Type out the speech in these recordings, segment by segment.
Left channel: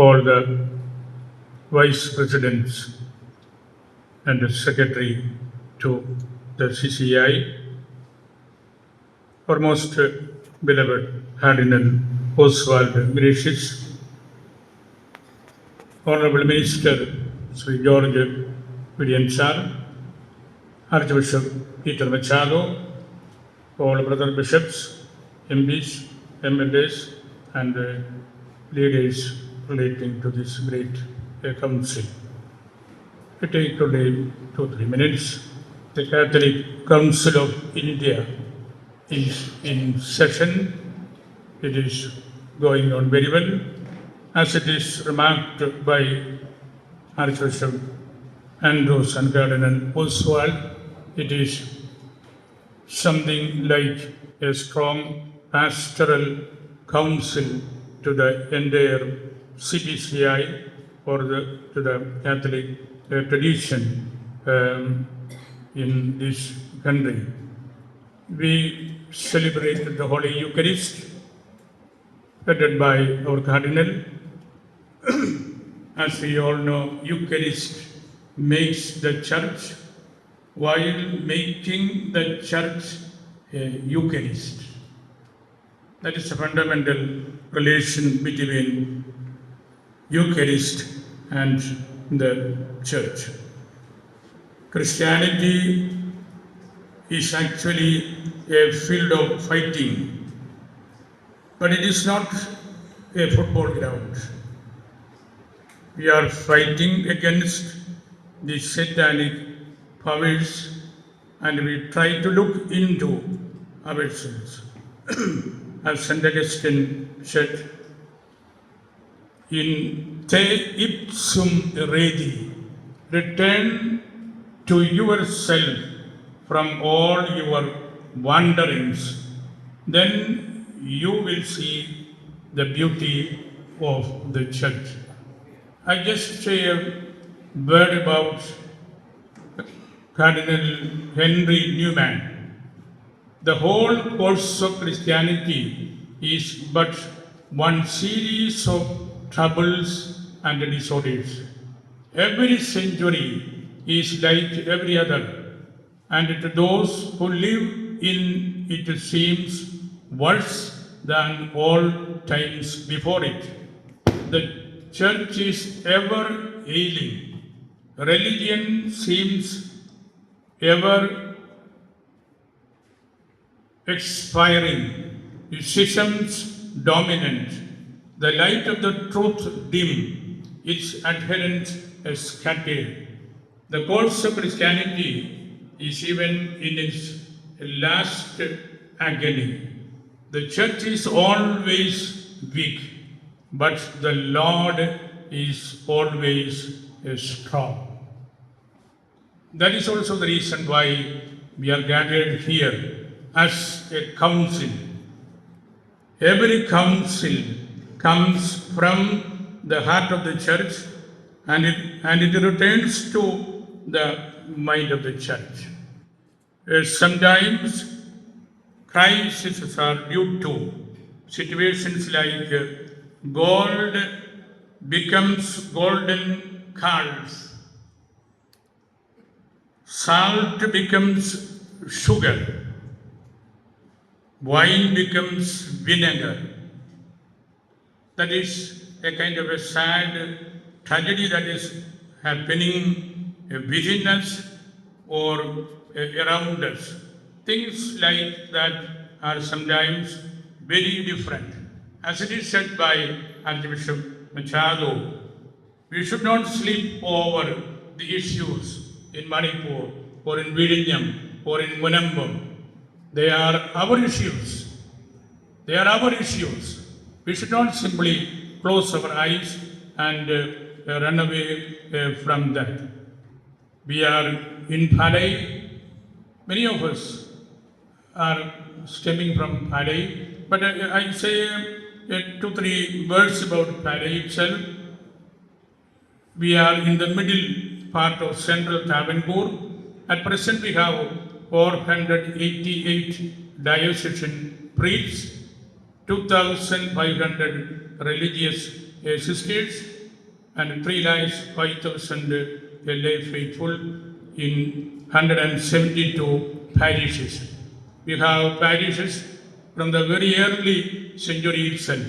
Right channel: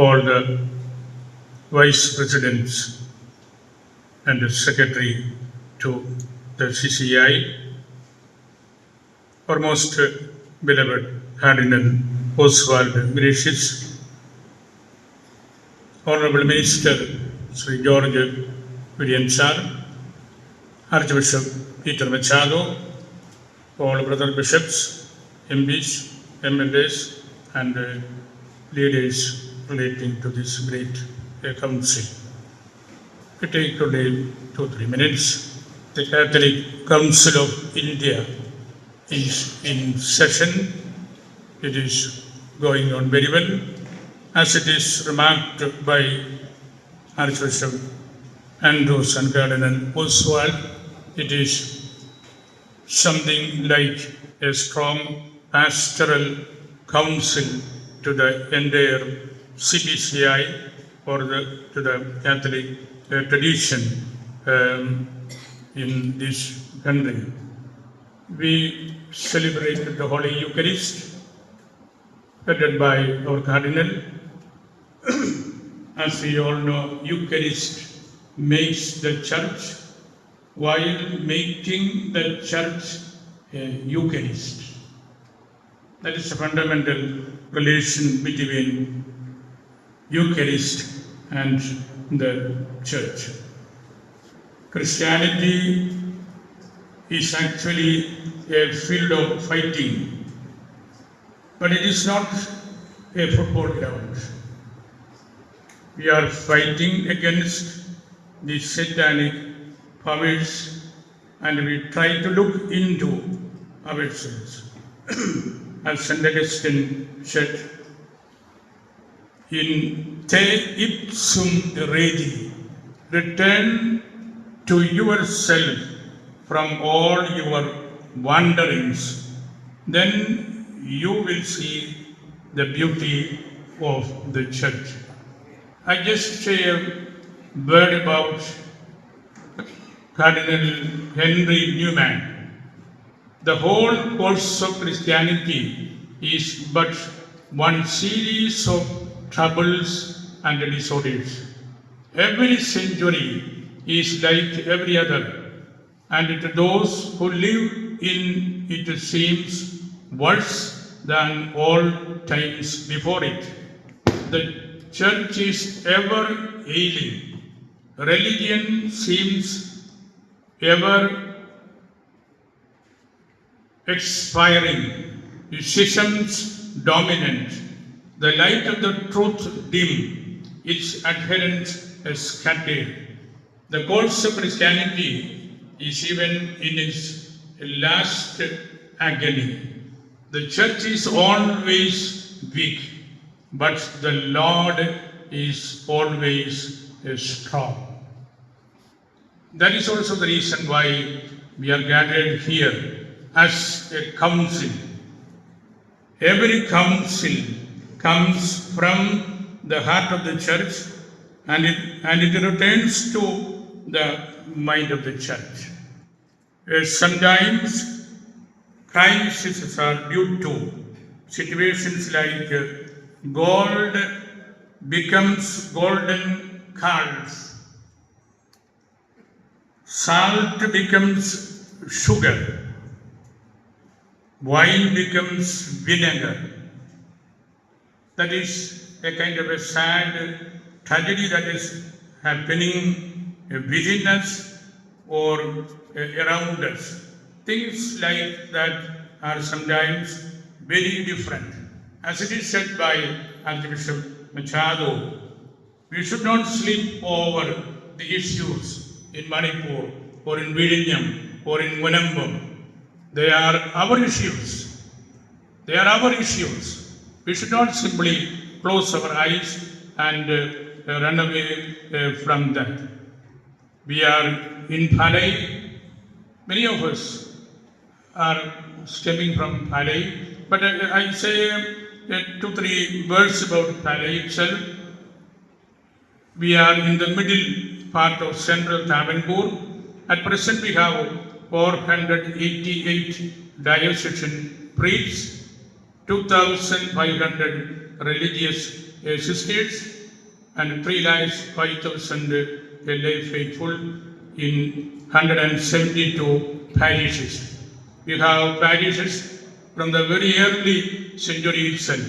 all the vice presidents and the secretary to the CCI, our most beloved Cardinal Oswald Gracious, Honorable Minister Sri George William Sar, Archbishop Peter Machado, all brother bishops, MPs, MLAs, and leaders relating to this great council. We take today 2-3 minutes. The Catholic Council of India is in session. It is going on very well. As it is remarked by Archbishop Andrews and Cardinal Oswald, it is something like a strong pastoral council to the entire CBCI or to the Catholic tradition in this country. We celebrated the Holy Eucharist, headed by our Cardinal. As we all know, Eucharist makes the Church while making the Church a Eucharist. That is a fundamental relation between Eucharist and the Church. Christianity is actually a field of fighting, but it is not a football ground. We are fighting against the satanic powers, and we try to look into ourselves. As St. Augustine said, in te ipsum regi, return to yourself from all your wanderings, then you will see the beauty of the Church. I just say a word about Cardinal Henry Newman. The whole course of Christianity is but one series of troubles and disorders. Every century is like every other, and to those who live in it seems worse than all times before it. The Church is ever ailing. Religion seems ever expiring. Schisms dominant. The light of the truth dim. Its adherents scattered. The course of Christianity is even in its last agony. The Church is always weak, but the Lord is always strong. That is also the reason why we are gathered here as a council. Every council comes from the heart of the Church, and it returns to the mind of the Church. Sometimes crises are due to situations like gold becomes golden curls, salt becomes sugar, wine becomes vinegar. That is a kind of a sad tragedy that is happening within us or around us. Things like that are sometimes very different. As it is said by Archbishop Machado, we should not sleep over the issues in Manipur or in Vizhinjam or in Manambam. They are our issues. They are our issues. We should not simply close our eyes and run away from that. We are in Palai. Many of us are stemming from Palai, but I say 2-3 words about Palai itself. We are in the middle part of central Travancore. At present, we have 488 diocesan priests, 2,500 religious sisters, and 3 lakhs 5,000 lay faithful in 172 parishes. We have parishes from the very early century itself,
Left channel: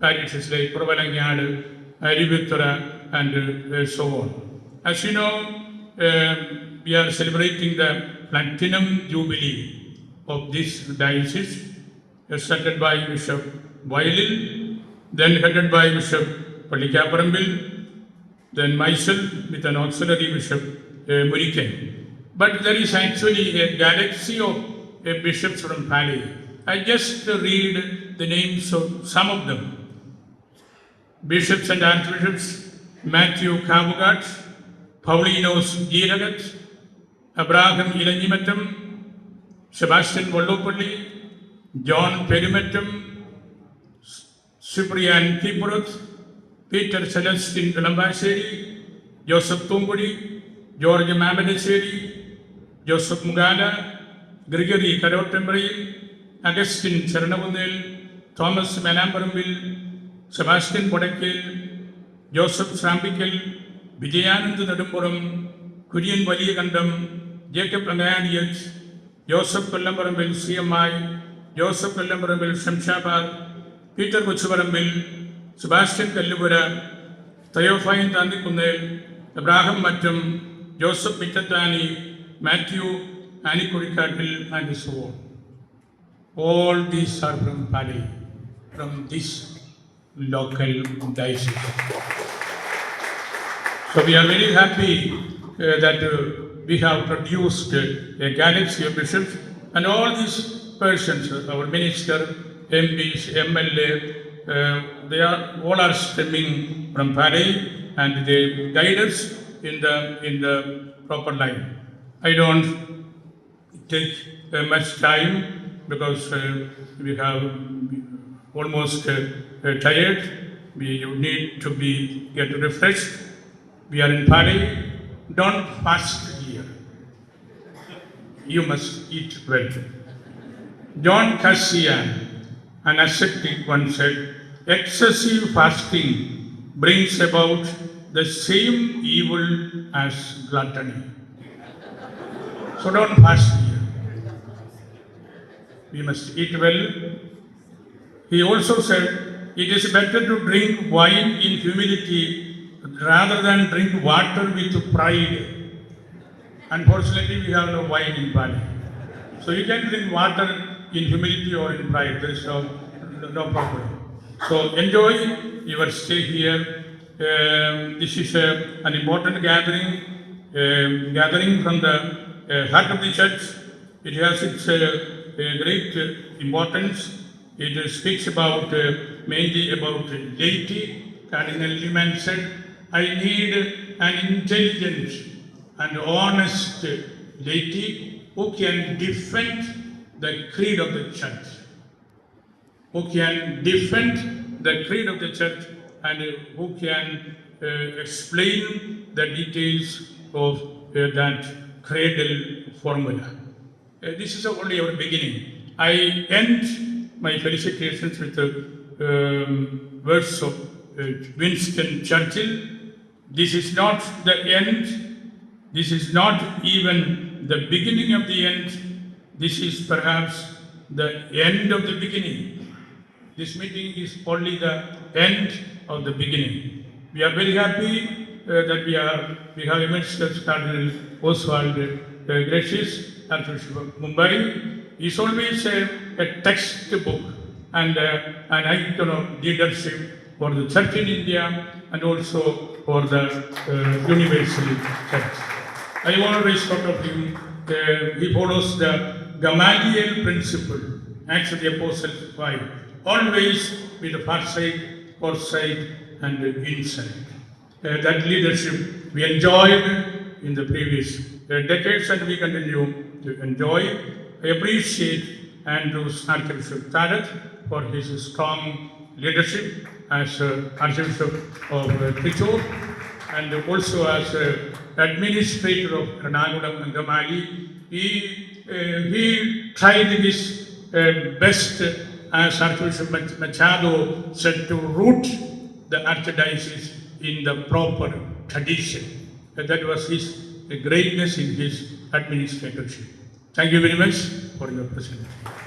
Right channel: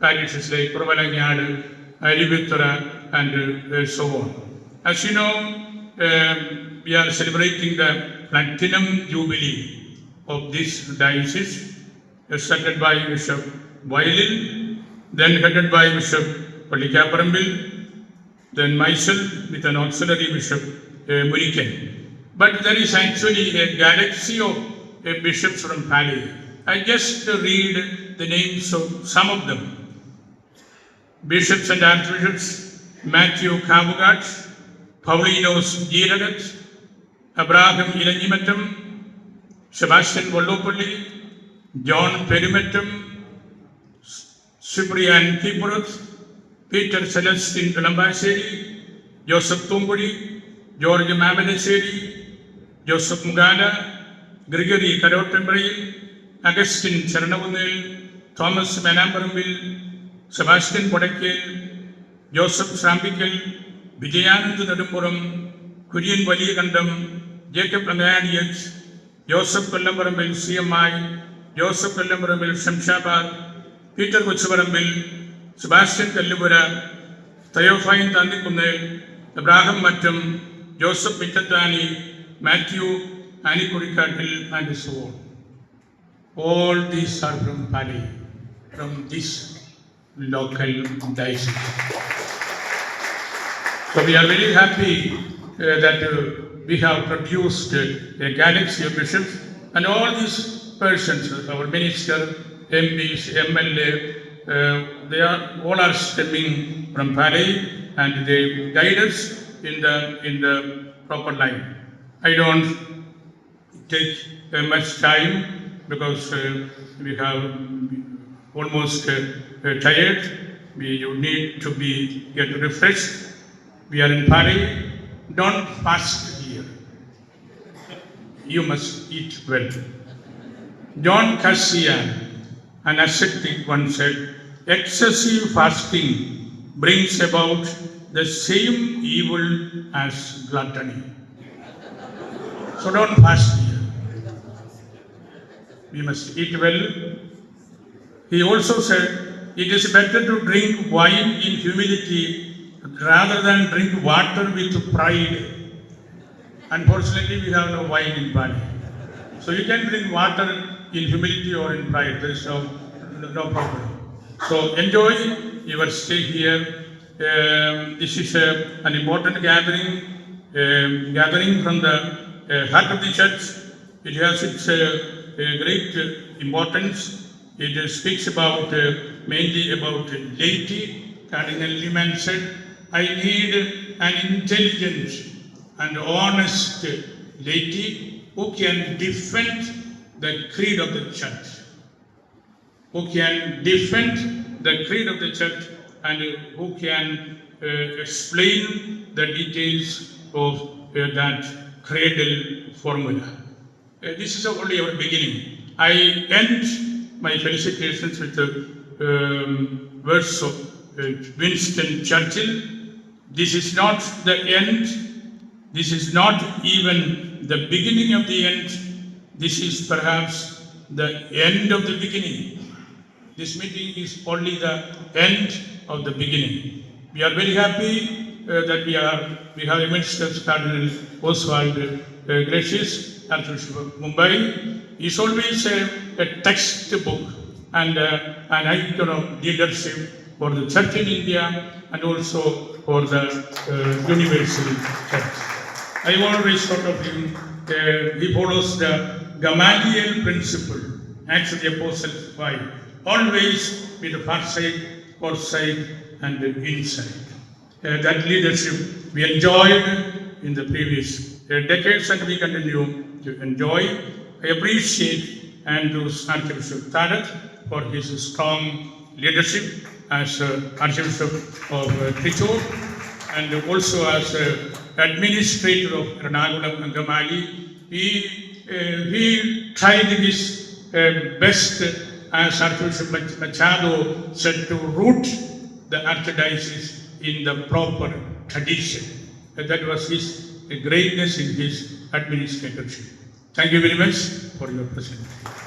parishes like Provalangad, Arivithura, and so on. As you know, we are celebrating the Platinum Jubilee of this diocese, started by Bishop Wailil, then headed by Bishop Pallikapparambil, then myself with an auxiliary Bishop Murikan. But there is actually a galaxy of bishops from Pali. I just read the names of some of them. Bishops and Archbishops Matthew Kavugat, Paulinos Giragat, Abraham Ilanyimatam, Sebastian Vallopalli, John Perimetam, Cyprian Kipurath, Peter Celestine Kalambaseri, Joseph Tumbudi, George Mamadaseri, Joseph Mugala, Gregory Karotambril, Augustine Chernavunil, Thomas Manambarambil, Sebastian Podakil, Joseph Sambikil, Vijayanand Nadampuram, Kurian Valigandam, Jacob Angadians, Joseph Kallambarambil CMI, Joseph Kallambarambil Shamshabad, Peter Kuchubarambil, Sebastian Kallipura, Theophine Tandikunel, Abraham Mattam, Joseph Mittatani, Matthew Anikurikatil, and so on. All these are from Pali, from this local diocese. So we are very happy that we have produced a galaxy of bishops, and all these persons, our minister, MPs, MLA, they are all are stemming from Pali, and they guide us in the proper line. I don't take much time because we have almost tired. We need to get refreshed. We are in Pali. Don't fast here. You must eat well. John Cassian, an ascetic, once said, excessive fasting brings about the same evil as gluttony. So don't fast here. We must eat well. He also said, it is better to drink wine in humility rather than drink water with pride. Unfortunately, we have no wine in Bali. So you can drink water in humility or in pride. There is no problem. So enjoy your stay here. This is an important gathering from the heart of the church. It has its great importance. It speaks about mainly about laity. Cardinal Liman said, I need an intelligent and honest laity who can defend the creed of the church. Who can defend the creed of the church and who can explain the details of that cradle formula. This is only our beginning. I end my felicitations with the words of Winston Churchill. This is not the end. This is not even the beginning of the end. This is perhaps the end of the beginning. This meeting is only the end of the beginning. We are very happy that we have a minister, Cardinal Oswald Gracious, Archbishop of Mumbai. He is always a textbook and an icon of leadership for the church in India and also for the universal church. I always thought of him, he follows the Gamaliel principle, Acts of the Apostles 5, always with the foresight, and insight. That leadership we enjoyed in the previous decades and we continue to enjoy. I appreciate Andrew's Archbishop Tarat for his strong leadership as Archbishop of Thrissur and also as administrator of Ernakulam and Gamali. He tried his best, as Archbishop Machado said, to root the archdiocese in the proper tradition. That was his greatness in his administratorship. Thank you very much for your presentation.